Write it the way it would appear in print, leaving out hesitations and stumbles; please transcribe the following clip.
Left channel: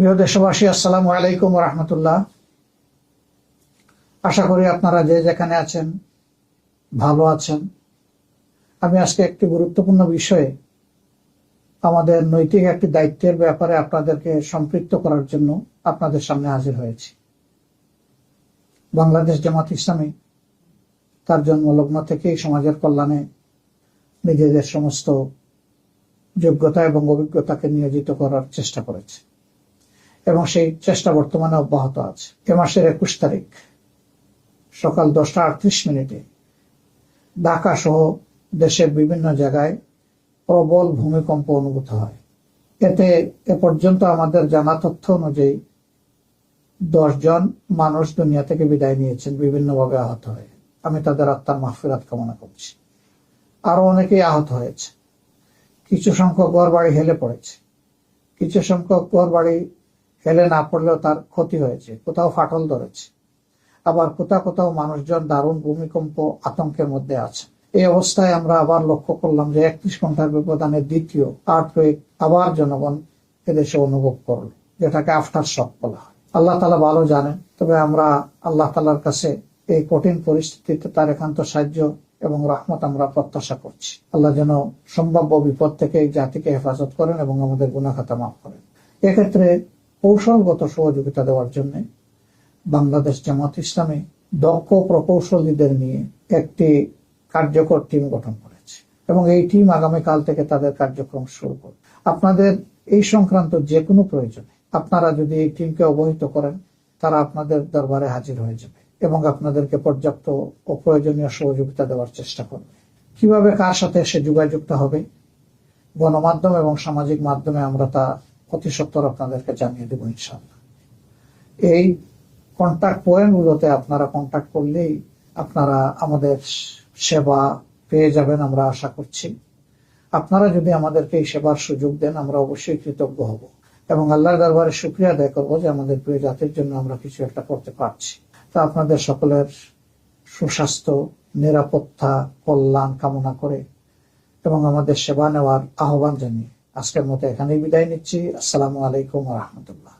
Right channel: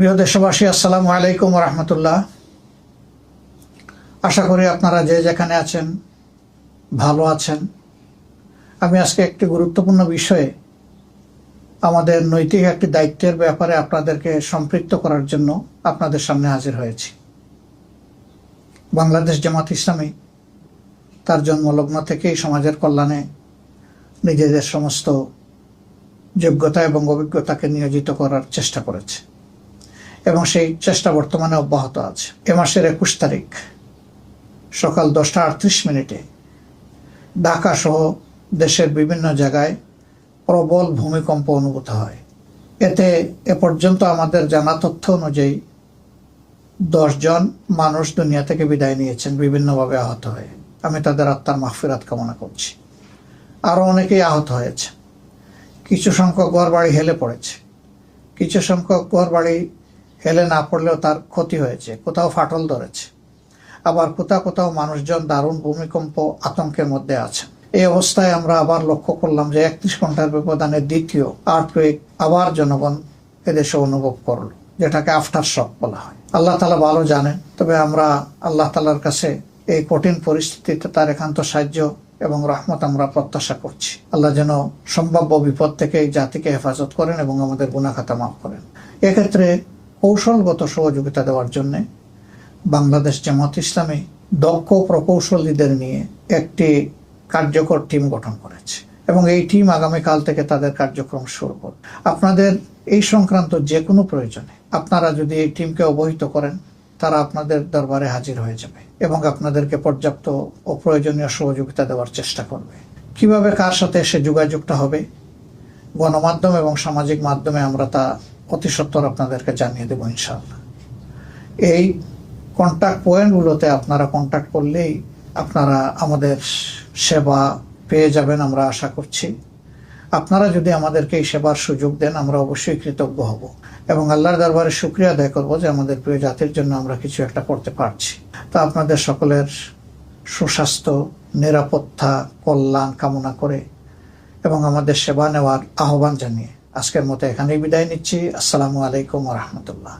প্রিয় দেশবাসী, আসসালামু আলাইকুম রহমতুল্লাহ। আশা করি আপনারা যে যেখানে আছেন ভালো আছেন। আমি আজকে একটি গুরুত্বপূর্ণ বিষয়ে, আমাদের নৈতিক একটি দায়িত্বের ব্যাপারে আপনাদেরকে সম্পৃক্ত করার জন্য আপনাদের সামনে হাজির হয়েছি। বাংলাদেশ জামাত ইসলামী তার জন্মলগ্ন থেকেই সমাজের কল্যাণে নিজেদের সমস্ত যোগ্যতা এবং অভিজ্ঞতাকে নিয়োজিত করার চেষ্টা করেছে এবং সেই চেষ্টা বর্তমানে অব্যাহত আছে। এ মাসের 21 তারিখ সকাল 10টা 38 ঢাকা সহ দেশের বিভিন্ন জায়গায় প্রবল ভূমিকম্প অনুভূত হয়। এতে এ পর্যন্ত আমাদের জানা তথ্য অনুযায়ী 10 জন মানুষ দুনিয়া থেকে বিদায় নিয়েছেন বিভিন্নভাবে আহত হয়ে। আমি তাদের আত্মার মাগফিরাত কামনা করছি। আরও অনেকেই আহত হয়েছে। কিছু সংখ্যক ঘরবাড়ি হেলে পড়েছে, কিছু সংখ্যক ঘরবাড়ি হেলে না পড়লেও তার ক্ষতি হয়েছে, কোথাও ফাটল ধরেছে, আবার কোথাও কোথাও মানুষজন দারুণ ভূমিকম্প আতঙ্কের মধ্যে আছেন। এই অবস্থায় আমরা আবার লক্ষ্য করলাম যে 31 ঘন্টার ব্যবধানে দ্বিতীয় আর্থকুয়েক আবার জনগণ এদেশে অনুভব করলো, যেটাকে আফটার শক বলা হয়। আল্লাহ তাআলা ভালো জানেন, তবে আমরা আল্লাহ তাআলার কাছে এই কঠিন পরিস্থিতিতে তার একান্ত সাহায্য এবং রহমত আমরা প্রত্যাশা করছি। আল্লাহ যেন সম্ভাব্য বিপদ থেকে এই জাতিকে হেফাজত করেন এবং আমাদের গুনাহ খাতা মাফ করেন। এক্ষেত্রে কৌশলগত সহযোগিতা দেওয়ার জন্য বাংলাদেশ জামাত ইসলামী দক্ষ প্রকৌশলীদের নিয়ে একটি কার্যকর টিম গঠন করেছে এবং এই টিম আগামীকাল থেকে তাদের কার্যক্রম শুরু করবে। আপনাদের এই সংক্রান্ত যে কোনো প্রয়োজনে আপনারা যদি এই টিমকে অবহিত করেন, তারা আপনাদের দরবারে হাজির হয়ে যাবে এবং আপনাদেরকে পর্যাপ্ত ও প্রয়োজনীয় সহযোগিতা দেওয়ার চেষ্টা করবে। কিভাবে কার সাথে সে যোগাযোগটা হবে, গণমাধ্যম এবং সামাজিক মাধ্যমে আমরা তা অতি সত্বর আপনাদেরকে জানিয়ে দেবো ইনশাআল্লাহ। এই কন্ট্যাক্ট পয়েন্টগুলোতে আপনারা কন্ট্যাক্ট করলেই আপনারা আমাদের সেবা পেয়ে যাবেন, আমরা আশা করছি। আপনারা যদি আমাদেরকে এই সেবার সুযোগ দেন, আমরা অবশ্যই কৃতজ্ঞ হব এবং আল্লাহর দরবারে শুকরিয়া আদায় করবো যে আমাদের প্রিয় জাতির জন্য আমরা কিছু একটা করতে পারছি। তা আপনাদের সকলের সুস্বাস্থ্য, নিরাপত্তা, কল্যাণ কামনা করে এবং আমাদের সেবা নেওয়ার আহ্বান জানিয়ে আজকের মতো এখানেই বিদায় নিচ্ছি। আসসালামু আলাইকুম রহমতুল্লাহ।